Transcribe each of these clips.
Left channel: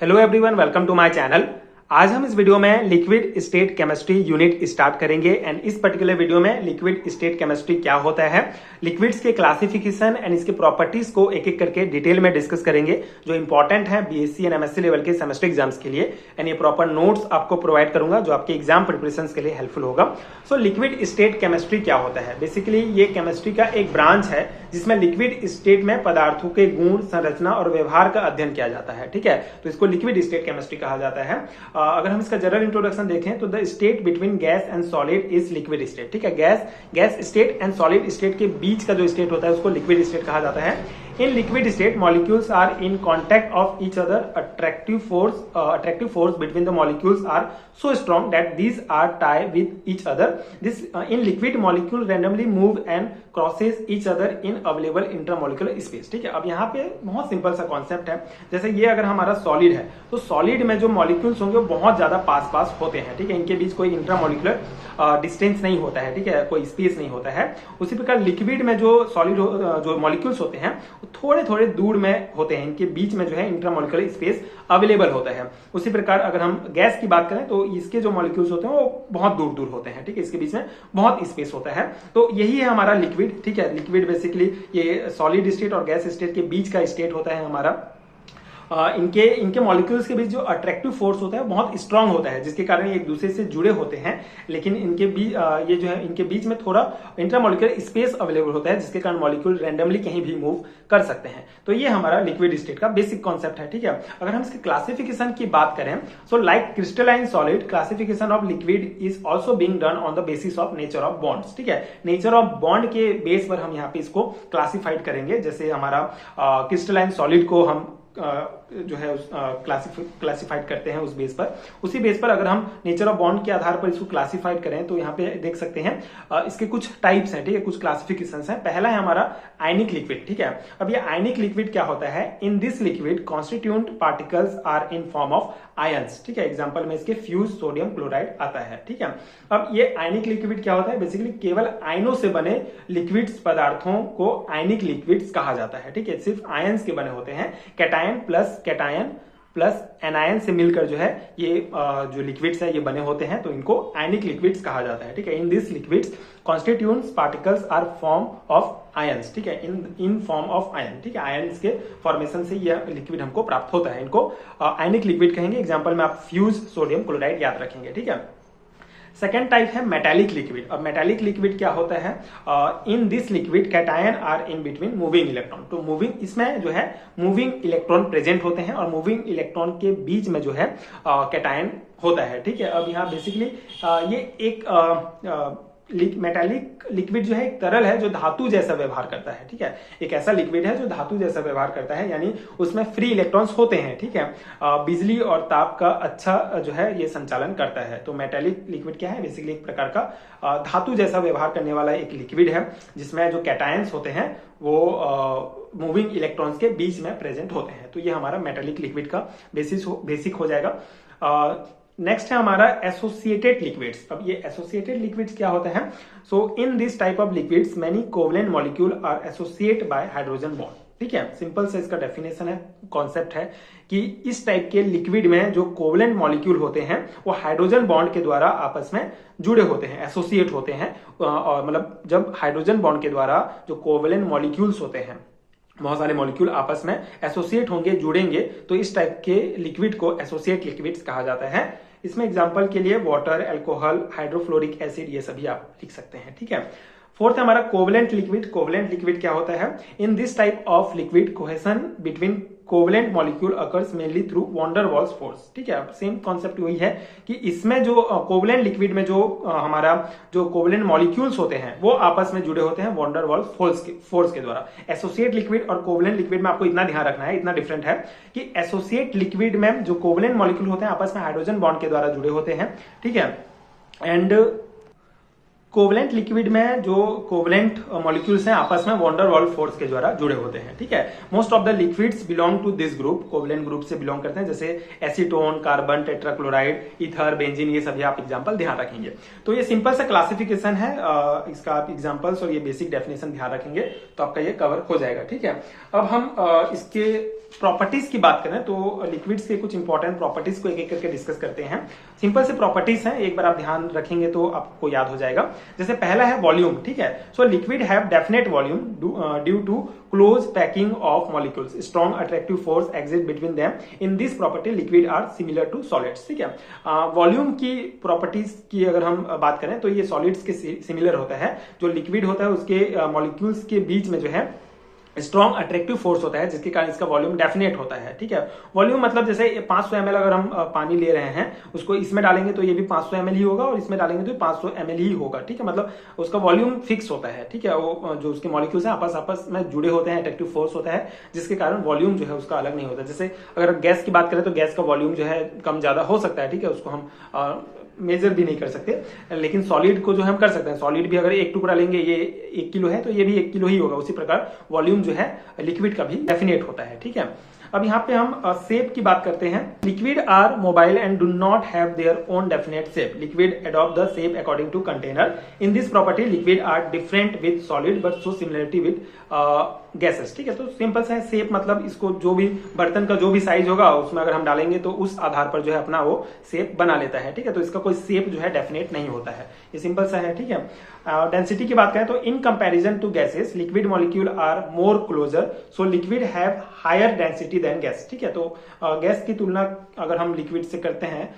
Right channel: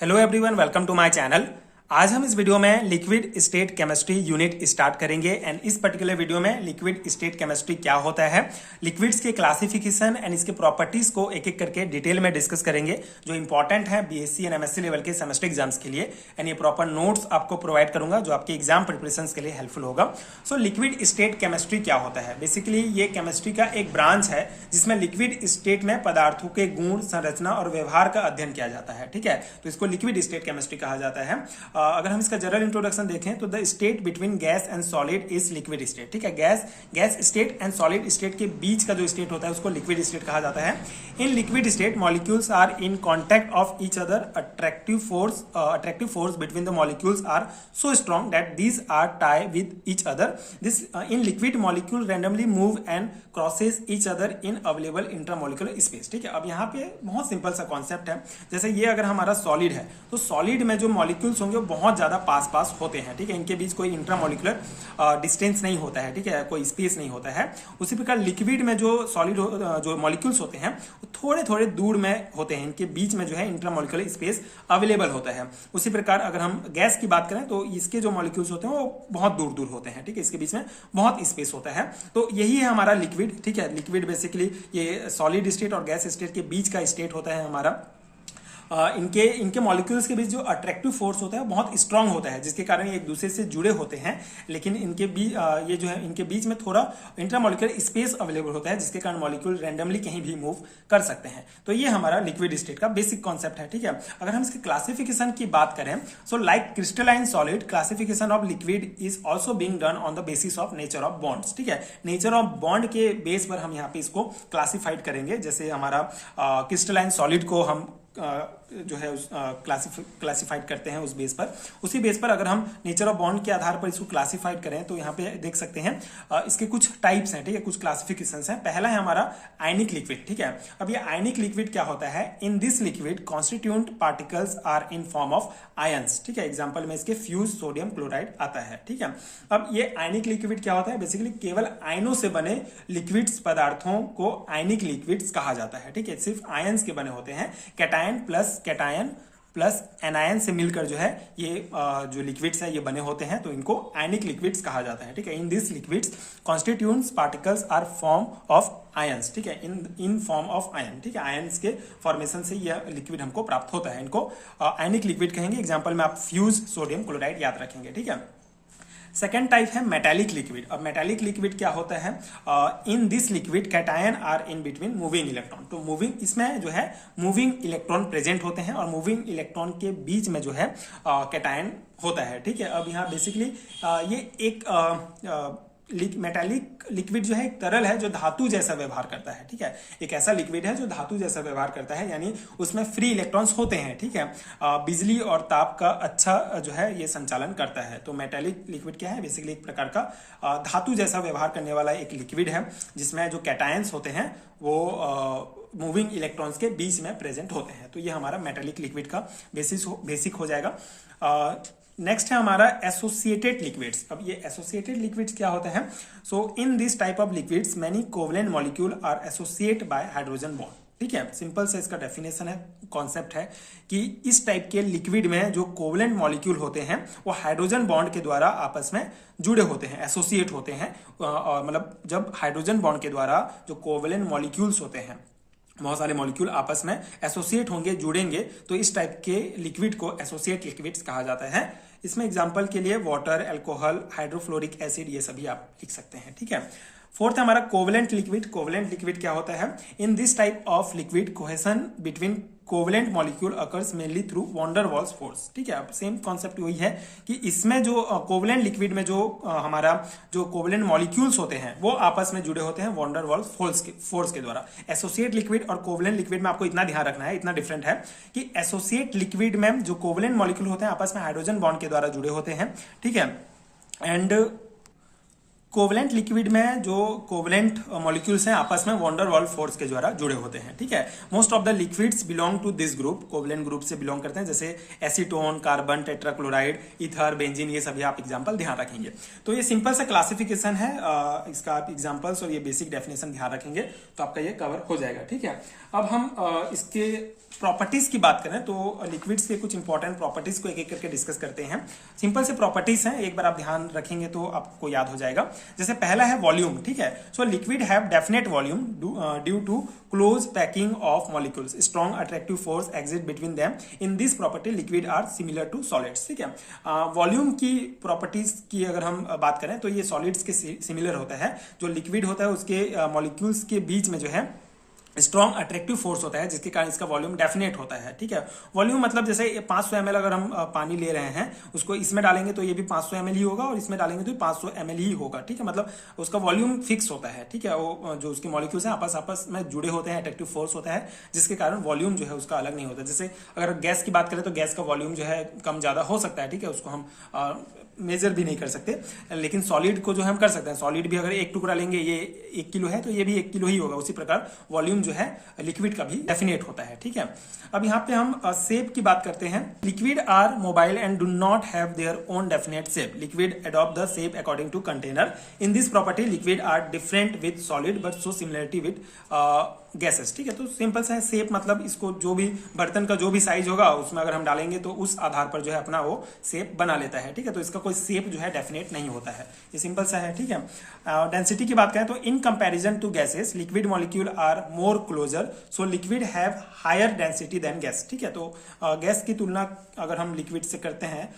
Hello everyone, welcome to my channel. आज हम इस वीडियो में liquid state chemistry unit start करेंगे एंड इस पर्टिकुलर वीडियो में लिक्विड स्टेट केमिस्ट्री क्या होता है, लिक्विड्स के क्लासिफिकेशन एंड इसके प्रॉपर्टीज को एक एक करके डिटेल में डिस्कस करेंगे जो इंपॉर्टेंट है बीएससी एंड एमएससी लेवल के सेमेस्टर एग्जाम्स के लिए। एंड ये प्रॉपर नोट्स आपको प्रोवाइड करूंगा जो आपके एग्जाम प्रिपरेशन के लिए हेल्पफुल होगा। सो लिक्विड स्टेट केमिस्ट्री क्या होता है? बेसिकली ये केमिस्ट्री का एक ब्रांच है जिसमें लिक्विड स्टेट में पदार्थों के गुण, संरचना और व्यवहार का अध्ययन किया जाता है। ठीक है, तो इसको लिक्विड स्टेट केमिस्ट्री कहा जाता है। अगर हम इसका जनरल इंट्रोडक्शन देखें तो the state between gas and solid is liquid state. ठीक है, gas state and solid state के बीच का जो स्टेट होता है उसको लिक्विड स्टेट कहा जाता है। In liquid state molecules are in contact of each other. Attractive force between the molecules are so strong that these are tied with each other. This in liquid molecule randomly move and crosses each other in available intermolecular space. ठीक है, अब यहाँ पे बहुत simple सा concept है। जैसे ये अगर हमारा सॉलिड है तो सॉलिड में जो मॉलिक्यूल्स होंगे वो बहुत ज्यादा पास होते हैं। ठीक है, इनके बीच कोई इंट्रामोलिकुलर डिस्टेंस नहीं होता है। ठीक है, कोई स्पेस नहीं होता है। उसी प्रकार लिक्विड में जो सॉलिड जो मॉलिक्यूल्स होते हैं वो थोड़े थोड़े दूर में होते हैं, इनके बीच में जो है इंट्रामोलिकुलर स्पेस अवेलेबल होता है। उसी प्रकार अगर हम गैस की बात करें तो इसके जो मॉलिक्यूल्स होते हैं वो बहुत दूर दूर होते हैं। ठीक है, इसके बीच में बहुत स्पेस होता है। तो यही है हमारा लिक्विड। ठीक है, लिक्विड बेसिकली ये सॉलिड स्टेट और गैस स्टेट के बीच का स्टेट होता है हमारा। इनके मॉलिक्यूल्स के बीच जो अट्रैक्टिव फोर्स होता है बहुत स्ट्रांग होता है, जिसके कारण ये एक दूसरे से जुड़े होते हैं। लेकिन इनके बीच ये जो है इनके बीच में थोड़ा इंटरमॉलिक्यूलर स्पेस अवेलेबल होता है, जिसके कारण मॉलिक्यूल रैंडमली कहीं भी मूव कर सकते हैं। तो ये हमारा लिक्विड स्टेट का बेसिक कॉन्सेप्ट है। ठीक है, अगर हम इसके क्लासिफिकेशन की बात करें so like crystalline solid, classification of liquid is also being done on the basis of nature of bonds. ठीक है, नेचर ऑफ बॉन्ड के बेस पर हम यहाँ पे इसको क्लासिफाइड करेंगे। जैसे हमारा क्रिस्टलाइन सॉलिड को हम जो है क्लासिफाइड करते हैं उस बेस पर। उसी बेस पर अगर हम नेचर ऑफ बॉन्ड के आधार पर इसको क्लासिफाइड करें तो यहाँ पे देख सकते हैं इसके कुछ टाइप्स हैं। ठीक है, कुछ क्लासिफिकेशंस हैं। पहला है हमारा आयनिक लिक्विड। ठीक है, अब ये आयनिक लिक्विड क्या होता है? In this liquid constituent particles are in form of ions. ठीक है, एग्जांपल में इसके फ्यूज सोडियम क्लोराइड आता है। ठीक है, अब ये आयनिक लिक्विड क्या होता है? बेसिकली केवल आयनों से बने लिक्विड्स पदार्थों को आयनिक लिक्विड्स कहा जाता है। ठीक है, सिर्फ आयंस के बने होते हैं। कैटायन प्लस एनायन से मिलकर जो है ये जो लिक्विड्स है ये बने होते हैं, तो इनको आयनिक लिक्विड्स कहा जाता है। ठीक है, in this liquids constituents particles are form of ions. ठीक है, इन फॉर्म ऑफ आयन। ठीक है, आयंस के फॉर्मेशन से ये लिक्विड हमको प्राप्त होता है, इनको आयनिक लिक्विड कहेंगे। एग्जांपल में आप फ्यूज सोडियम क्लोराइड याद रखेंगे। ठीक है, सेकेंड टाइप है मेटालिक लिक्विड। अब मेटालिक लिक्विड क्या होता है? In this liquid cation are in between moving electron. तो मूविंग, इसमें जो है मूविंग इलेक्ट्रॉन प्रेजेंट होते हैं और मूविंग इलेक्ट्रॉन के बीच में जो है कैटायन होता है। ठीक है, अब यहाँ बेसिकली ये एक मेटालिक लिक्विड जो है एक तरल है जो धातु जैसा व्यवहार करता है। ठीक है, एक ऐसा लिक्विड है जो धातु जैसा व्यवहार करता है, यानी उसमें फ्री इलेक्ट्रॉन्स होते हैं। ठीक है, बिजली और ताप का अच्छा जो है ये संचालन करता है। तो मेटालिक लिक्विड क्या है? बेसिकली एक प्रकार का धातु जैसा व्यवहार करने वाला एक लिक्विड है जिसमें जो कैटायंस होते हैं वो मूविंग इलेक्ट्रॉन्स के बीच में प्रेजेंट होते हैं। तो ये हमारा मेटालिक लिक्विड का बेसिक हो जाएगा। नेक्स्ट है हमारा एसोसिएटेड लिक्विड्स। अब ये एसोसिएटेड लिक्विड्स क्या होता है? So in this type of liquids many covalent molecule are associate by hydrogen bond. ठीक है, सिंपल से इसका डेफिनेशन है, कॉन्सेप्ट है कि इस टाइप के लिक्विड में जो कोवलेंट मॉलिक्यूल होते हैं वो हाइड्रोजन बॉन्ड के द्वारा आपस में जुड़े होते हैं, एसोसिएट होते हैं। और मतलब जब हाइड्रोजन बॉन्ड के द्वारा जो कोवलेंट मॉलिक्यूल्स होते हैं, बहुत सारे मॉलिक्यूल आपस में एसोसिएट होंगे, जुड़ेंगे, तो इस टाइप के लिक्विड को एसोसिएट लिक्विड्स कहा जाता है। इसमें एग्जांपल के लिए वाटर, अल्कोहल, हाइड्रोफ्लोरिक एसिड ये सभी आप लिख सकते हैं। ठीक है, फोर्थ हमारा कोवलेंट लिक्विड। कोवलेंट लिक्विड क्या होता है? In this type of liquid cohesion between covalent molecule occurs mainly through van der Waals force. ठीक है, सेम कॉन्सेप्ट वही है कि इसमें जो कोवलेंट लिक्विड में जो हमारा जो कोवलेंट मॉलिक्यूल्स होते हैं वो आपस में जुड़े होते हैं वॉन डर वाल्स फोर्स के द्वारा। एसोसिएट लिक्विड और कोवलेंट लिक्विड में आपको इतना ध्यान रखना है, इतना डिफरेंट है कि एसोसिएट लिक्विड में जो कोवलेंट मॉलिक्यूल होते हैं आपस में हाइड्रोजन बॉन्ड के द्वारा जुड़े होते हैं। ठीक है, एंड कोवलेंट लिक्विड में जो कोवलेंट मॉलिक्यूल्स हैं आपस में वॉन डेर वाल्स फोर्स के द्वारा जुड़े होते हैं, ठीक है। Most of the liquids belong to this group, covalent group से बिलोंग करते हैं, जैसे acetone, carbon, tetrachloride, ether, benzene, ये सभी आप एग्जांपल ध्यान रखेंगे। तो ये सिंपल सा क्लासिफिकेशन है, इसका आप एग्जांपल्स और ये बेसिक डेफिनेशन ध्यान रखेंगे तो आपका ये कवर हो जाएगा, ठीक है। अब हम इसके प्रॉपर्टीज की बात करें तो लिक्विड्स के कुछ इंपॉर्टेंट प्रॉपर्टीज को एक एक करके डिस्कस करते हैं। सिंपल से प्रॉपर्टीज हैं, एक बार आप ध्यान रखेंगे तो आपको याद हो जाएगा। जैसे पहला है वॉल्यूम, ठीक है। So liquid have definite volume due to close packing of molecules, strong attractive force exist between them, in this property liquid are similar to solids, ठीक है। वॉल्यूम की प्रॉपर्टीज की अगर हम बात करें तो ये सॉलिड्स के सिमिलर होता है। जो लिक्विड होता है उसके मॉलिक्यूल्स के बीच में जो है स्ट्रॉन्ग अट्रैक्टिव फोर्स होता है, जिसके कारण इसका वॉल्यूम डेफिनेट होता है, ठीक है। वॉल्यूम मतलब जैसे 500 ml अगर हम पानी ले रहे हैं, उसको इसमें डालेंगे तो ये भी 500 ml ही होगा और इसमें डालेंगे तो 500 ml ही होगा, ठीक है। मतलब उसका वॉल्यूम फिक्स होता है, ठीक है। वो जो उसके मॉलिक्यूल्स हैं आपस में जुड़े होते हैं, अट्रैक्टिव फोर्स होता है, जिसके कारण वॉल्यूम जो है उसका अलग नहीं होता। जैसे अगर गैस की बात करें तो गैस का वॉल्यूम जो है कम ज्यादा हो सकता है, ठीक है, उसको हम मेजर भी नहीं कर सकते, लेकिन सॉलिड को जो हम कर सकते हैं। सॉलिड भी अगर एक टुकड़ा लेंगे, ये 1 किलो है तो ये भी 1 किलो ही होगा, उसी प्रकार वॉल्यूम जो है लिक्विड का भी डेफिनेट होता है, ठीक है। अब यहाँ पे हम शेप की बात करते हैं। Liquid are mobile and do not have their own definite shape, liquid adopt the shape according to container, in this property liquid are different with solid but so similarity with gases, ठीक है। तो simple सा है shape, मतलब इसको जो भी बर्तन का जो भी साइज होगा उसमें अगर हम डालेंगे तो उस आधार पर जो है अपना वो शेप बना लेता है, ठीक है। तो इसका कोई शेप जो है डेफिनेट नहीं होता है, ये सिंपल सा है, ठीक है। डेंसिटी की बात करें तो in comparison to gases liquid molecule are more closer, so liquid have higher density than gas, ठीक है। तो गैस की तुलना अगर हम लिक्विड से करते हैं,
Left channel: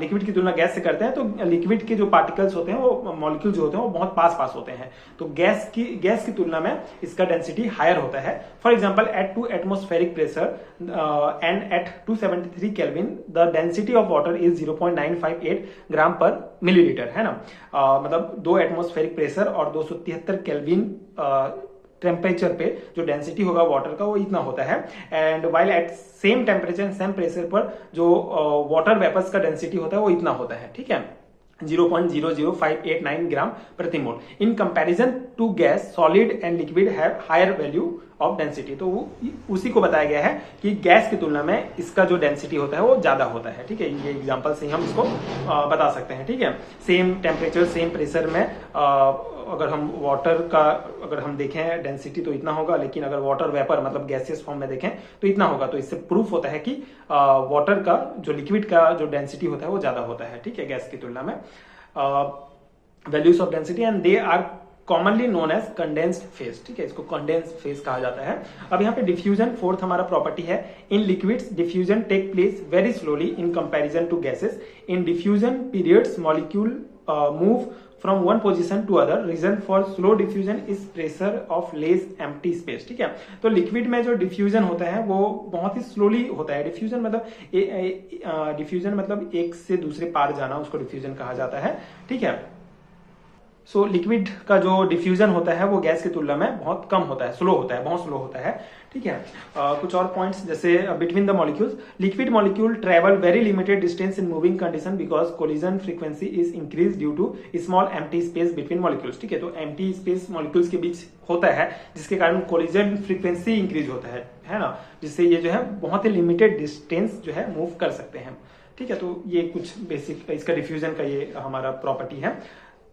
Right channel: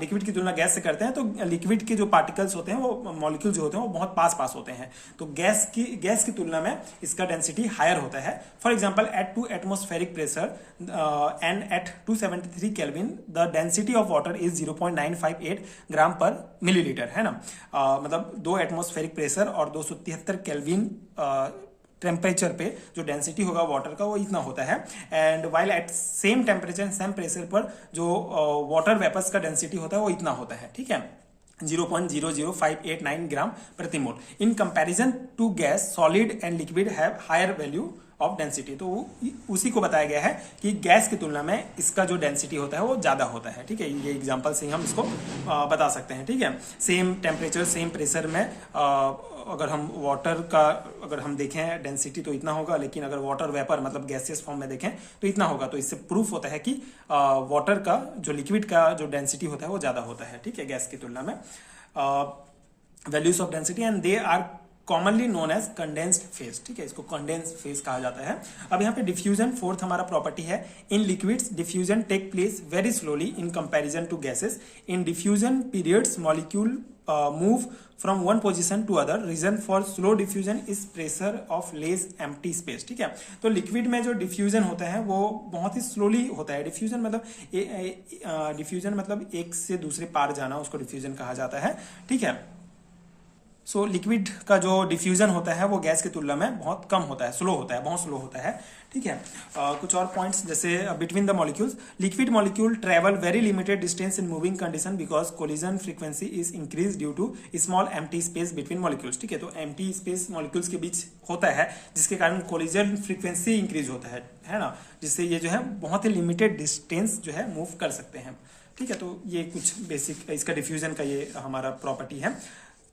लिक्विड की तुलना गैस से करते हैं तो लिक्विड के जो पार्टिकल्स होते हैं, वो मॉलिक्यूल जो होते हैं वो बहुत पास होते हैं। तो गैस की तुलना में इसका डेंसिटी हायर होता है। For example at 2 atmospheric pressure and at 273 kelvin the density of water is 0.958 gram per millilitre, है ना। मतलब 2 एटमॉस्फेरिक प्रेशर और 273 केल्विन टेम्परेचर पे जो डेंसिटी होगा वाटर का वो इतना होता है। And while at same temperature same pressure पर जो वाटर वेपर्स का डेंसिटी होता है वो इतना होता है, ठीक है, 0.00589 ग्राम प्रति mole. In comparison to gas solid and liquid have higher value of density. तो उसी को बताया गया है कि गैस की तुलना में इसका जो डेंसिटी होता है वो ज्यादा होता है, ठीक है। ये एग्जांपल से ही हम इसको बता सकते हैं, ठीक है। सेम टेम्परेचर सेम प्रेशर में अगर हम वाटर का अगर हम देखें डेंसिटी तो इतना होगा, लेकिन अगर वाटर वेपर मतलब गैसियस फॉर्म में देखें तो इतना होगा। तो इससे प्रूफ होता है कि वाटर का जो लिक्विड का जो डेंसिटी होता है वो ज्यादा होता है, ठीक है, गैस की तुलना में। Values of density and they are commonly known as condensed phase, ठीक है, इसको कंडेंस्ड फेज कहा जाता है। अब यहाँ पे डिफ्यूजन फोर्थ हमारा प्रॉपर्टी है। In liquids diffusion take place very slowly in comparison to gases. In diffusion periods molecule move from one position to other, reason for slow diffusion is pressure of less empty space, ठीक है। तो liquid में जो diffusion होता है वो बहुत ही slowly होता है। डिफ्यूजन मतलब एक से दूसरे पार जाना, उसको डिफ्यूजन कहा जाता है, ठीक है। सो लिक्विड का जो डिफ्यूजन होता है वो गैस की तुलना में बहुत कम होता है, स्लो होता है, बहुत स्लो होता है, ठीक है। कुछ और पॉइंट्स जैसे between the molecules, liquid molecule travel very limited distance in moving condition because collision frequency is increase due to small empty space between molecules, ठीक है। तो एम्प्टी स्पेस मॉलिक्यूल्स के बीच होता है जिसके कारण कोलिजन फ्रीक्वेंसी इंक्रीज होता है ना, जिससे ये जो है बहुत ही लिमिटेड डिस्टेंस जो है मूव कर सकते हैं, ठीक है। तो ये कुछ बेसिक इसका डिफ्यूजन का ये हमारा प्रॉपर्टी है।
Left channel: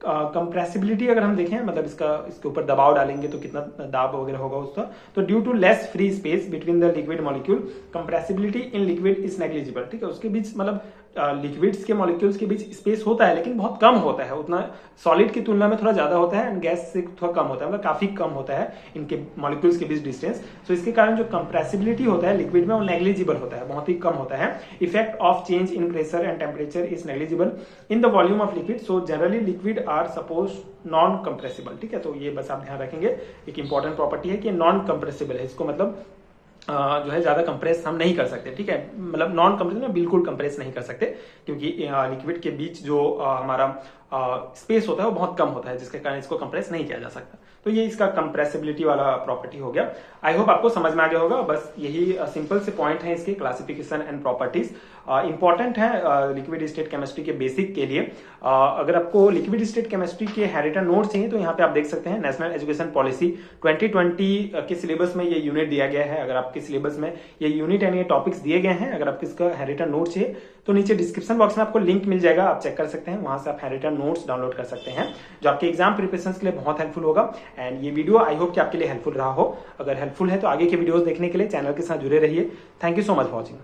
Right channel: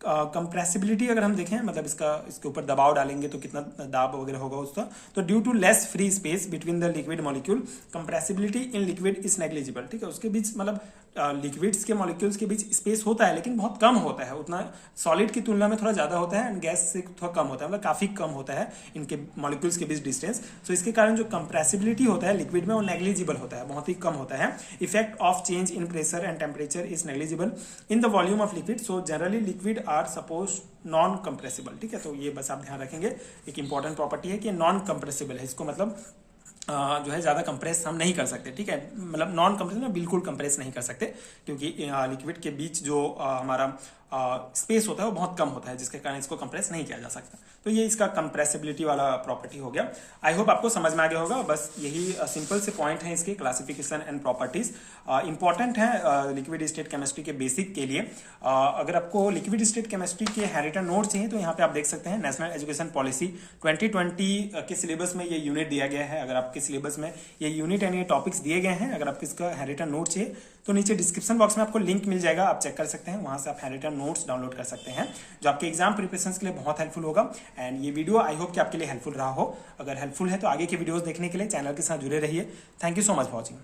कंप्रेसिबिलिटी अगर हम देखें, मतलब इसके ऊपर दबाव डालेंगे तो कितना दाब वगैरह होगा उसका, तो due to less free space between the liquid molecule compressibility in liquid is negligible, ठीक है। उसके बीच मतलब लिक्विड्स के मॉलिक्यूल्स के बीच स्पेस होता है लेकिन बहुत कम होता है, उतना सॉलिड की तुलना में थोड़ा ज्यादा होता है एंड गैस से थोड़ा कम होता है, मतलब काफी कम होता है इनके मॉलिक्यूल्स के बीच डिस्टेंस। सो इसके कारण जो कंप्रेसिबिलिटी होता है लिक्विड में वो नेग्लिजिबल होता है, बहुत ही कम होता है। Effect of change in pressure and temperature is negligible in the volume of liquid, so generally liquid are suppose non compressible, ठीक है। तो ये बस आप ध्यान रखेंगे, एक इंपॉर्टेंट प्रॉपर्टी है कि नॉन कंप्रेसिबल है, इसको मतलब जो है ज्यादा कंप्रेस हम नहीं कर सकते, ठीक है। मतलब नॉन कंप्रेस में बिल्कुल कंप्रेस नहीं कर सकते, क्योंकि लिक्विड के बीच जो हमारा स्पेस होता है वो बहुत कम होता है, जिसके कारण इसको कंप्रेस नहीं किया जा सकता। तो ये इसका कंप्रेसिबिलिटी वाला प्रॉपर्टी हो गया। आई होप आपको समझ में आ गया होगा। बस यही सिंपल से पॉइंट है इसके क्लासिफिकेशन एंड प्रॉपर्टीज। इंपॉर्टेंट है लिक्विड स्टेट केमिस्ट्री के बेसिक के लिए। अगर आपको लिक्विड स्टेट केमिस्ट्री के हेरिटेज नोट चाहिए तो यहाँ पे आप देख सकते हैं नेशनल एजुकेशन पॉलिसी 2020 के सिलेबस में ये यूनिट दिया गया है। अगर आपके सिलेबस में ये यूनिट एंड ये टॉपिक्स दिए गए हैं, अगर आपको इसका हेरिटेज नोट चाहिए तो नीचे डिस्क्रिप्शन बॉक्स में आपको लिंक मिल जाएगा, आप चेक कर सकते हैं। वहां से आप हेरिटेज नोट्स डाउनलोड कर सकते हैं, जो आपके एग्जाम प्रिपरेशन के लिए बहुत हेल्पफुल होगा। एंड ये वीडियो आई होप कि आपके लिए हेल्पफुल रहा हो। अगर हेल्पफुल है तो आगे के वीडियोस देखने के लिए चैनल के साथ जुड़े रहिए। Thank you so much for watching.